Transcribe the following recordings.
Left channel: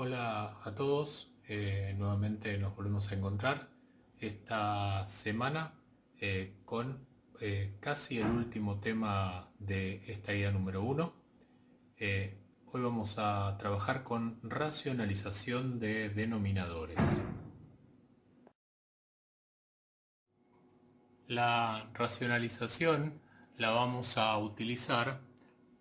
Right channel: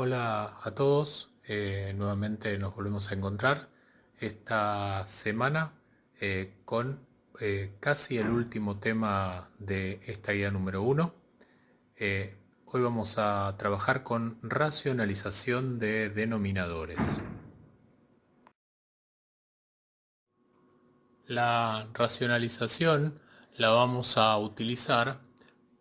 Hola a todos, nuevamente nos volvemos a encontrar esta semana con casi el último tema de esta guía número uno. Hoy vamos a trabajar con racionalización de denominadores. La racionalización la vamos a utilizar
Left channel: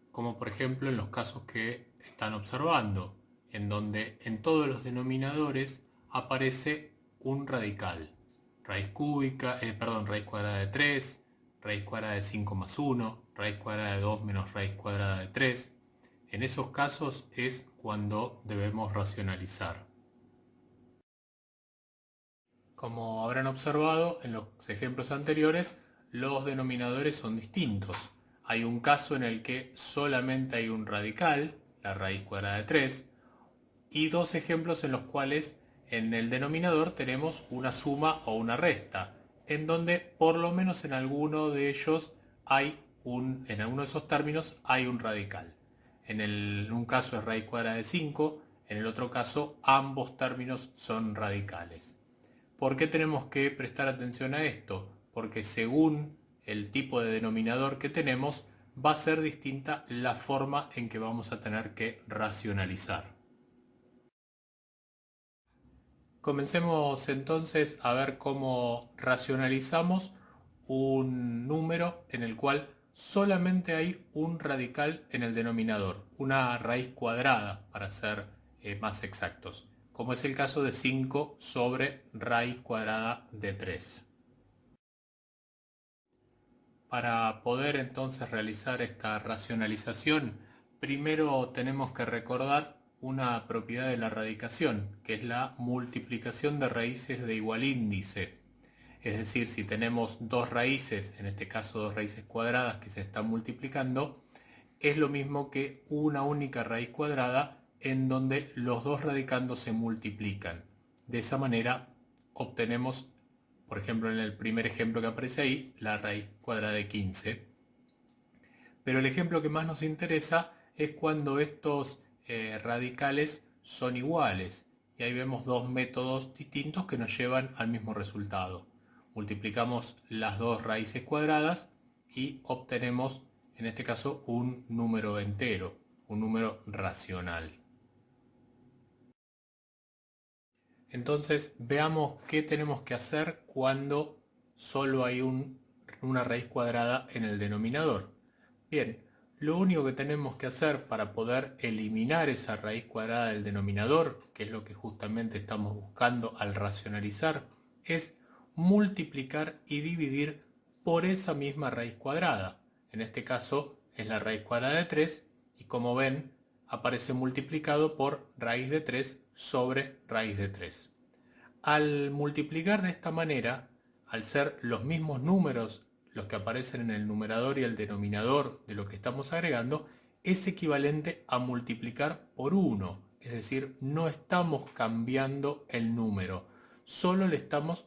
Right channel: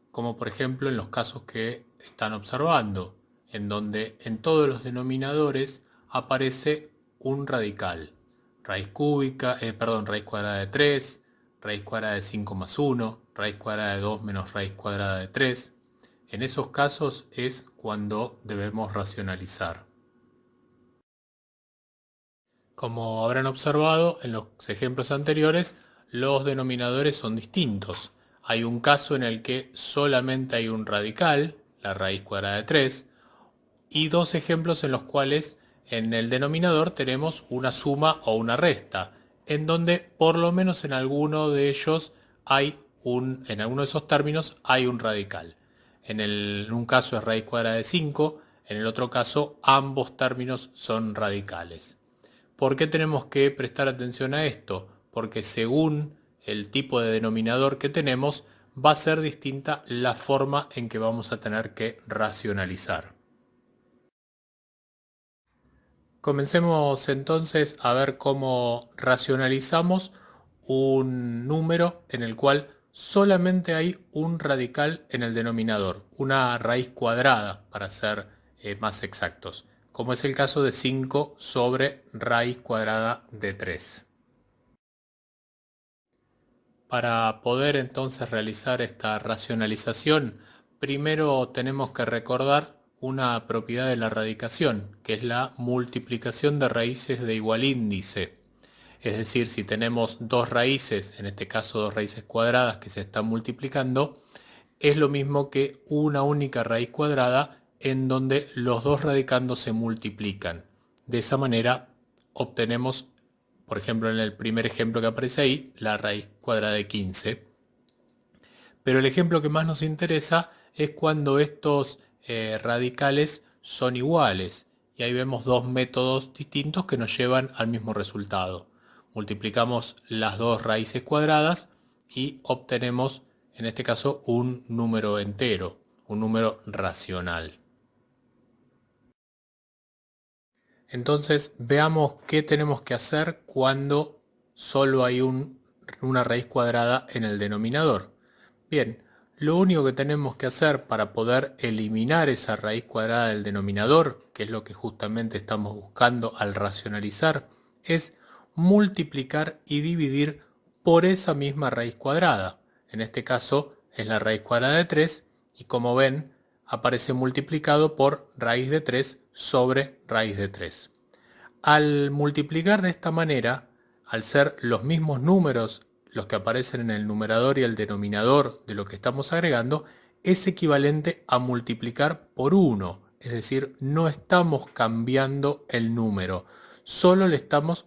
como por ejemplo en los casos que están observando, en donde en todos los denominadores aparece un radical. Raíz cúbica, raíz cuadrada de 3, raíz cuadrada de 5 más 1, raíz cuadrada de 2 menos raíz cuadrada de 3. En esos casos es cuando debemos racionalizar. Como habrán observado en los ejemplos anteriores, los denominadores son distintos. Hay un caso en el que solamente hay un radical, la raíz cuadrada de 3, y dos ejemplos en los cuales en el denominador tenemos una suma o una resta, en donde por lo menos en alguno de ellos en alguno de esos términos hay un radical. En un caso es raíz cuadrada de 5, en el otro caso ambos términos son radicales. ¿Por qué tenemos que prestar atención a esto? Porque según el tipo de denominador que tenemos, va a ser distinta la forma en que vamos a tener que racionalizar. Comencemos entonces a ver cómo racionalizamos un número en el cual solamente hay un radical en el denominador, una raíz cuadrada para ser más exactos, como es el caso de 5 sobre raíz cuadrada de 3. Para poder entonces realizar esta racionalización, primero tenemos que recordar una propiedad de la radicación, que es la multiplicación de raíces de igual índice. Es decir, si tenemos dos raíces, en este caso dos raíces cuadradas que se están multiplicando, es lo mismo que una única raíz cuadrada en donde los dos radicandos se multiplican. De esa manera obtenemos, por ejemplo, en el primer ejemplo que aparece ahí, la raíz cuadrada de 15. Pero el ejemplo que más nos interesa es cuando estos radicales son iguales. Y ahí vemos dos métodos distintos que nos llevan al mismo resultado. Multiplicamos las dos raíces cuadradas y obtenemos, en este caso, un número entero, un número racional. Entonces veamos qué tenemos que hacer cuando solo hay una raíz cuadrada en el denominador. Bien, lo único que tenemos que hacer para poder eliminar esa raíz cuadrada del denominador, que es lo que justamente estamos buscando al racionalizar, es multiplicar y dividir por esa misma raíz cuadrada. En este caso es la raíz cuadrada de 3 y como ven aparece multiplicado por raíz de 3 sobre raíz de 3. Al multiplicar de esta manera, al ser los mismos números los que aparecen en el numerador y el denominador de lo que estamos agregando, es equivalente a multiplicar por 1. Es decir, no estamos cambiando el número, solo estamos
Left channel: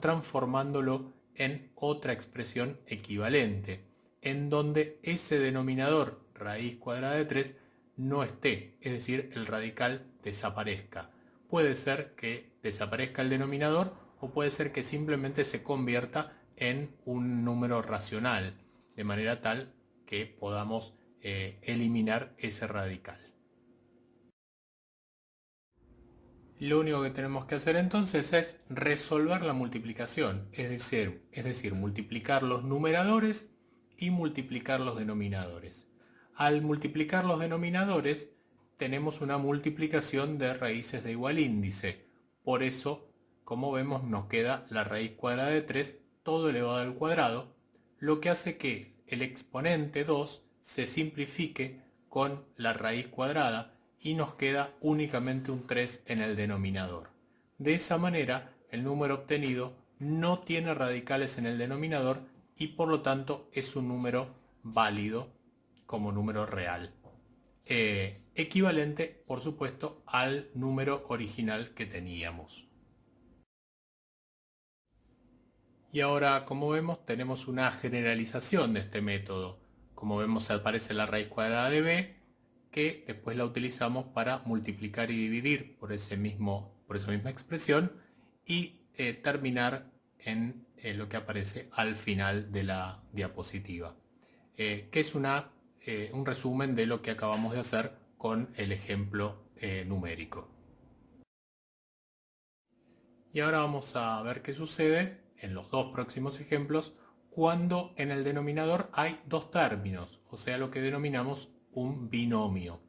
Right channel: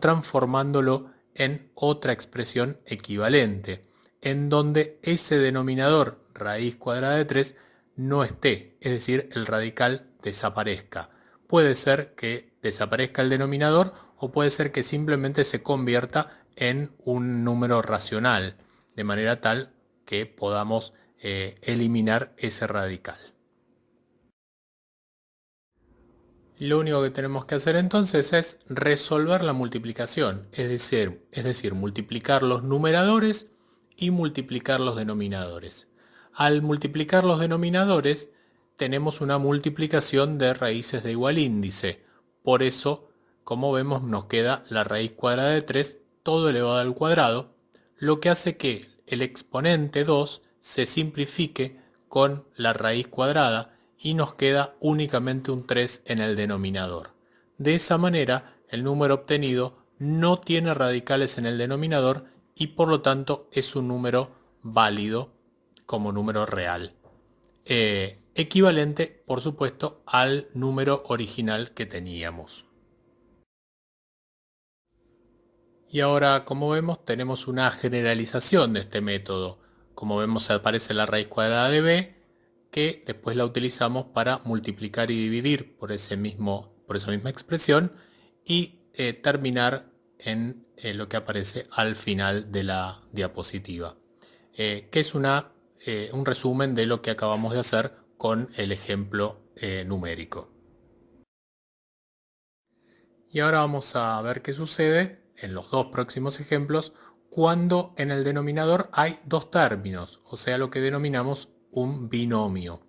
transformándolo en otra expresión equivalente, en donde ese denominador, raíz cuadrada de 3, no esté, es decir, el radical desaparezca. Puede ser que desaparezca el denominador o puede ser que simplemente se convierta en un número racional, de manera tal que podamos eliminar ese radical. Lo único que tenemos que hacer entonces es resolver la multiplicación, es decir, multiplicar los numeradores y multiplicar los denominadores. Al multiplicar los denominadores tenemos una multiplicación de raíces de igual índice. Por eso, como vemos, nos queda la raíz cuadrada de 3 todo elevado al cuadrado, lo que hace que el exponente 2 se simplifique con la raíz cuadrada y nos queda únicamente un 3 en el denominador. De esa manera, el número obtenido no tiene radicales en el denominador y por lo tanto es un número válido como número real. Equivalente, por supuesto, al número original que teníamos. Y ahora, como vemos, tenemos una generalización de este método. Como vemos, aparece la raíz cuadrada de b que después la utilizamos para multiplicar y dividir por esa misma expresión y terminar en lo que aparece al final de la diapositiva, que es un resumen de lo que acabamos de hacer con el ejemplo numérico. Y ahora vamos a ver qué sucede en los dos próximos ejemplos cuando en el denominador hay dos términos, o sea, lo que denominamos un binomio.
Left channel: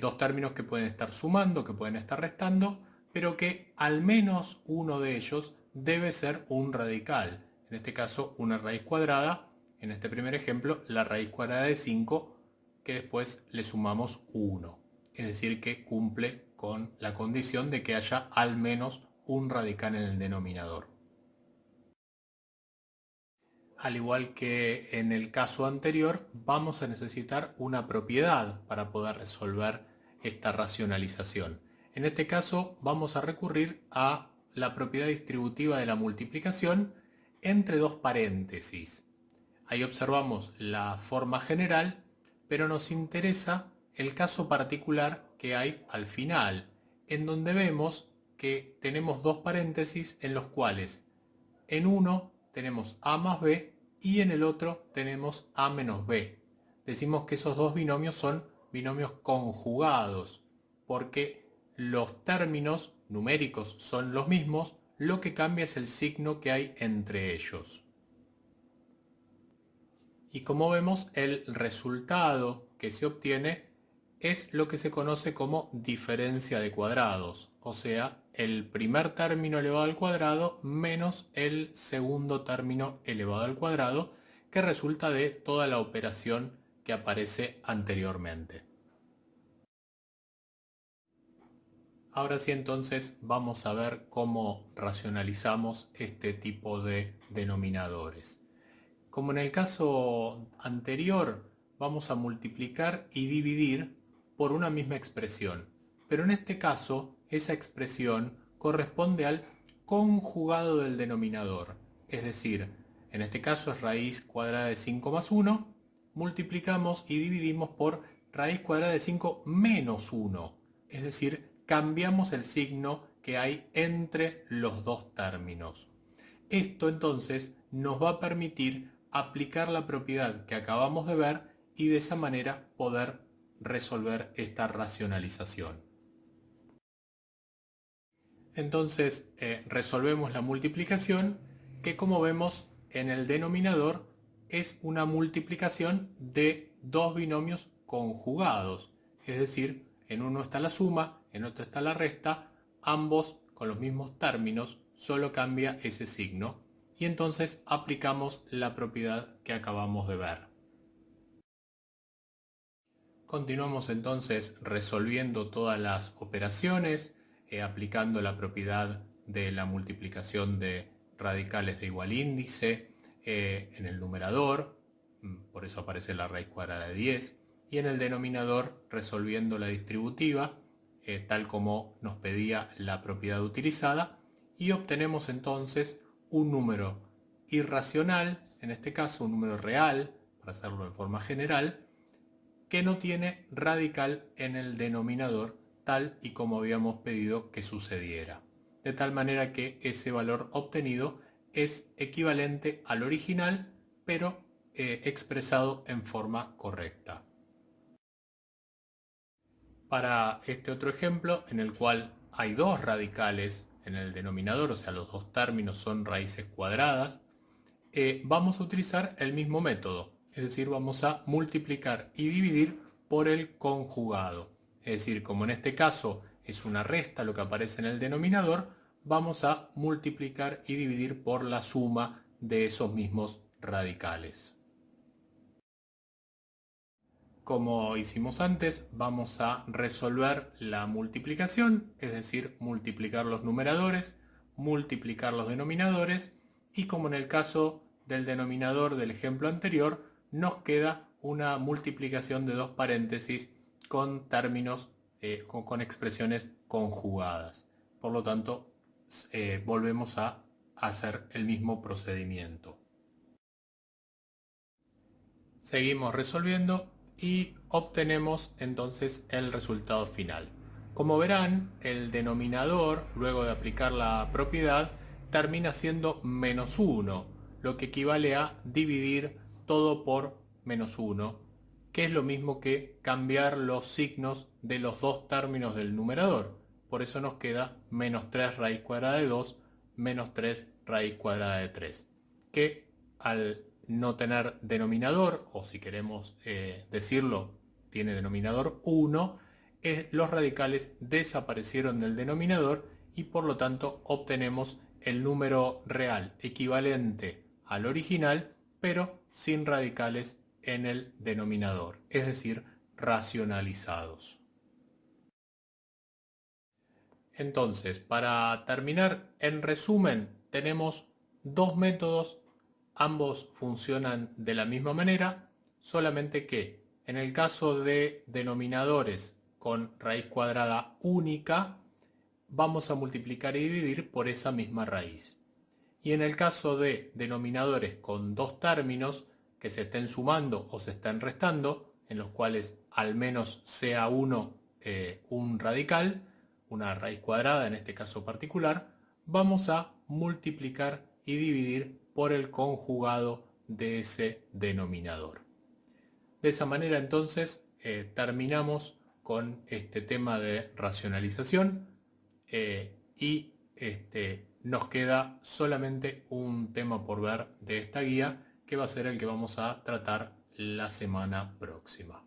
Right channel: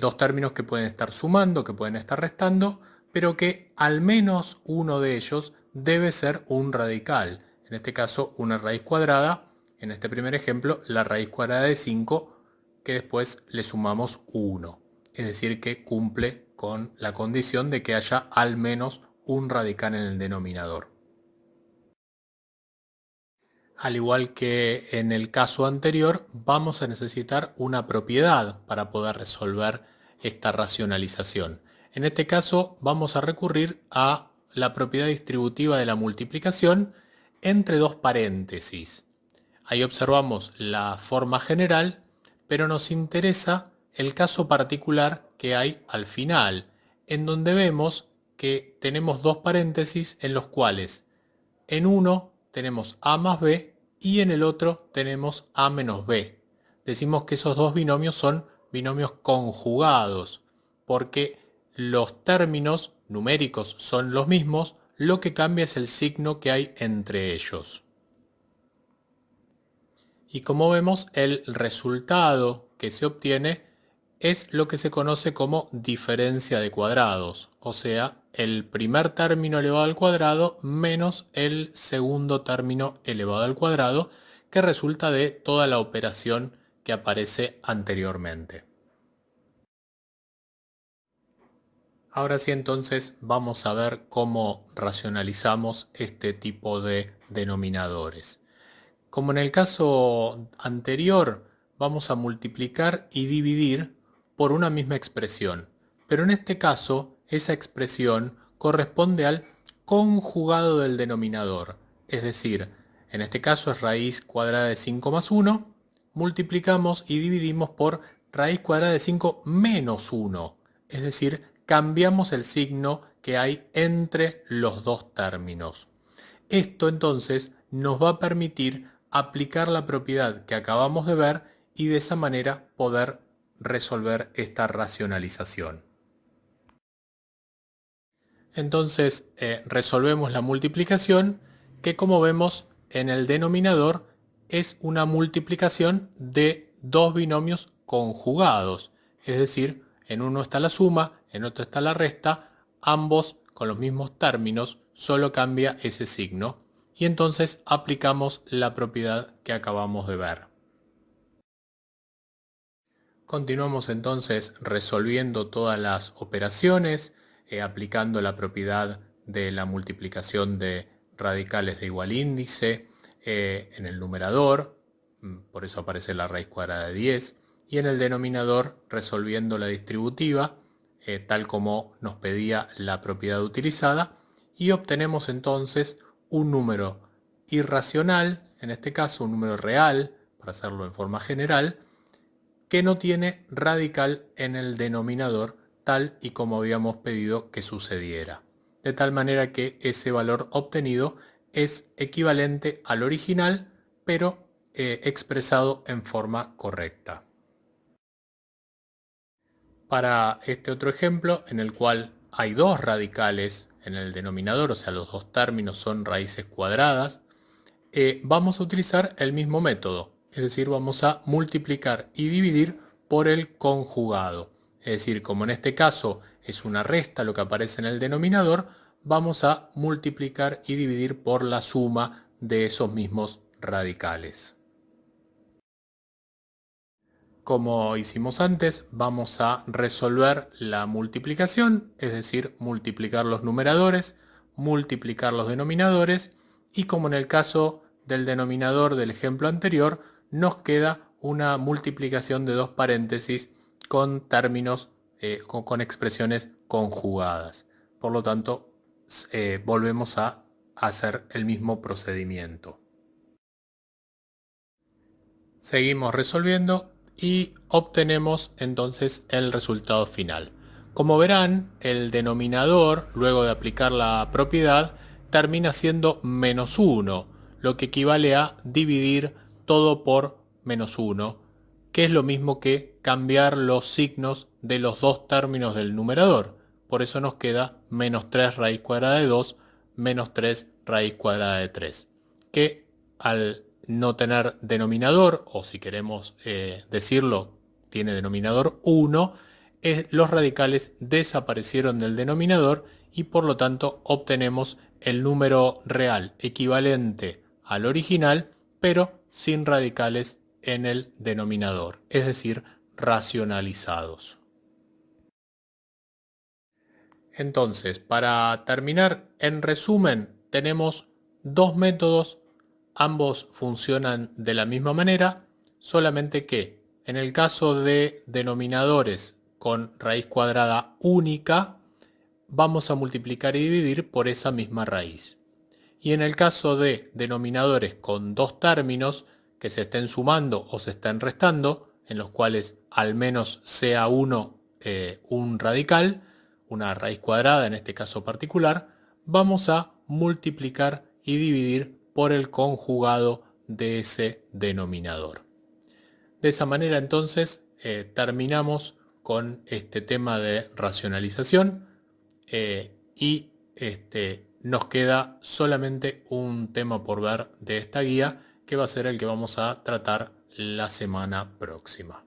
Dos términos que pueden estar sumando, que pueden estar restando, pero que al menos uno de ellos debe ser un radical. En este caso, una raíz cuadrada. En este primer ejemplo, la raíz cuadrada de 5, que después le sumamos 1. Es decir, que cumple con la condición de que haya al menos un radical en el denominador. Al igual que en el caso anterior, vamos a necesitar una propiedad para poder resolver esta racionalización. En este caso, vamos a recurrir a la propiedad distributiva de la multiplicación entre dos paréntesis. Ahí observamos la forma general, pero nos interesa el caso particular que hay al final, en donde vemos que tenemos dos paréntesis en los cuales en uno tenemos a más b y en el otro tenemos a menos b. Decimos que esos dos binomios son binomios conjugados, porque los términos numéricos son los mismos, lo que cambia es el signo que hay entre ellos. Y como vemos, el resultado que se obtiene es lo que se conoce como diferencia de cuadrados, o sea, el primer término elevado al cuadrado menos el segundo término elevado al cuadrado, que resulta de toda la operación que aparece anteriormente. Ahora sí, entonces vamos a ver cómo racionalizamos este tipo de denominadores. Como en el caso anterior, vamos a multiplicar y dividir por una misma expresión, pero en este caso esa expresión corresponde al conjugado del denominador, es decir, en este caso es raíz cuadrada de 5 más 1, multiplicamos y dividimos por raíz cuadrada de 5 menos 1, es decir, cambiamos el signo que hay entre los dos términos. Esto entonces nos va a permitir aplicar la propiedad que acabamos de ver y de esa manera poder resolver esta racionalización. Entonces resolvemos la multiplicación, que como vemos en el denominador es una multiplicación de dos binomios conjugados, es decir, en uno está la suma, en otro está la resta, ambos con los mismos términos, solo cambia ese signo y entonces aplicamos la propiedad que acabamos de ver. Continuamos entonces resolviendo todas las operaciones, aplicando la propiedad de la multiplicación de radicales de igual índice en el numerador, por eso aparece la raíz cuadrada de 10, y en el denominador resolviendo la distributiva, tal como nos pedía la propiedad utilizada, y obtenemos entonces un número irracional, en este caso un número real, para hacerlo en forma general, que no tiene radical en el denominador, tal y como habíamos pedido que sucediera. De tal manera que ese valor obtenido es equivalente al original, pero expresado en forma correcta. Para este otro ejemplo, en el cual hay dos radicales en el denominador, o sea, los dos términos son raíces cuadradas, vamos a utilizar el mismo método, es decir, vamos a multiplicar y dividir por el conjugado. Es decir, como en este caso es una resta lo que aparece en el denominador, vamos a multiplicar y dividir por la suma de esos mismos radicales. Como hicimos antes, vamos a resolver la multiplicación, es decir, multiplicar los numeradores, multiplicar los denominadores, y como en el caso del denominador del ejemplo anterior, nos queda una multiplicación de dos paréntesis con términos, con expresiones conjugadas. Por lo tanto, volvemos a hacer el mismo procedimiento. Seguimos resolviendo y obtenemos entonces el resultado final. Como verán, el denominador, luego de aplicar la propiedad, termina siendo -1, lo que equivale a dividir todo por -1, que es lo mismo que cambiar los signos de los dos términos del numerador. Por eso nos queda -3 raíz cuadrada de 2 menos 3 raíz cuadrada de 3, que al no tener denominador, o si queremos decirlo, tiene denominador 1, los radicales desaparecieron del denominador y por lo tanto obtenemos el número real equivalente al original, pero sin radicales en el denominador, es decir, racionalizados. Entonces, para terminar, en resumen, tenemos dos métodos, ambos funcionan de la misma manera, solamente que en el caso de denominadores con raíz cuadrada única, vamos a multiplicar y dividir por esa misma raíz. Y en el caso de denominadores con dos términos que se estén sumando o se estén restando, en los cuales al menos sea uno un radical, una raíz cuadrada en este caso particular, vamos a multiplicar y dividir por el conjugado de ese denominador. De esa manera entonces terminamos con este tema de racionalización y nos queda solamente un tema por ver de esta guía, que va a ser el que vamos a tratar la semana próxima.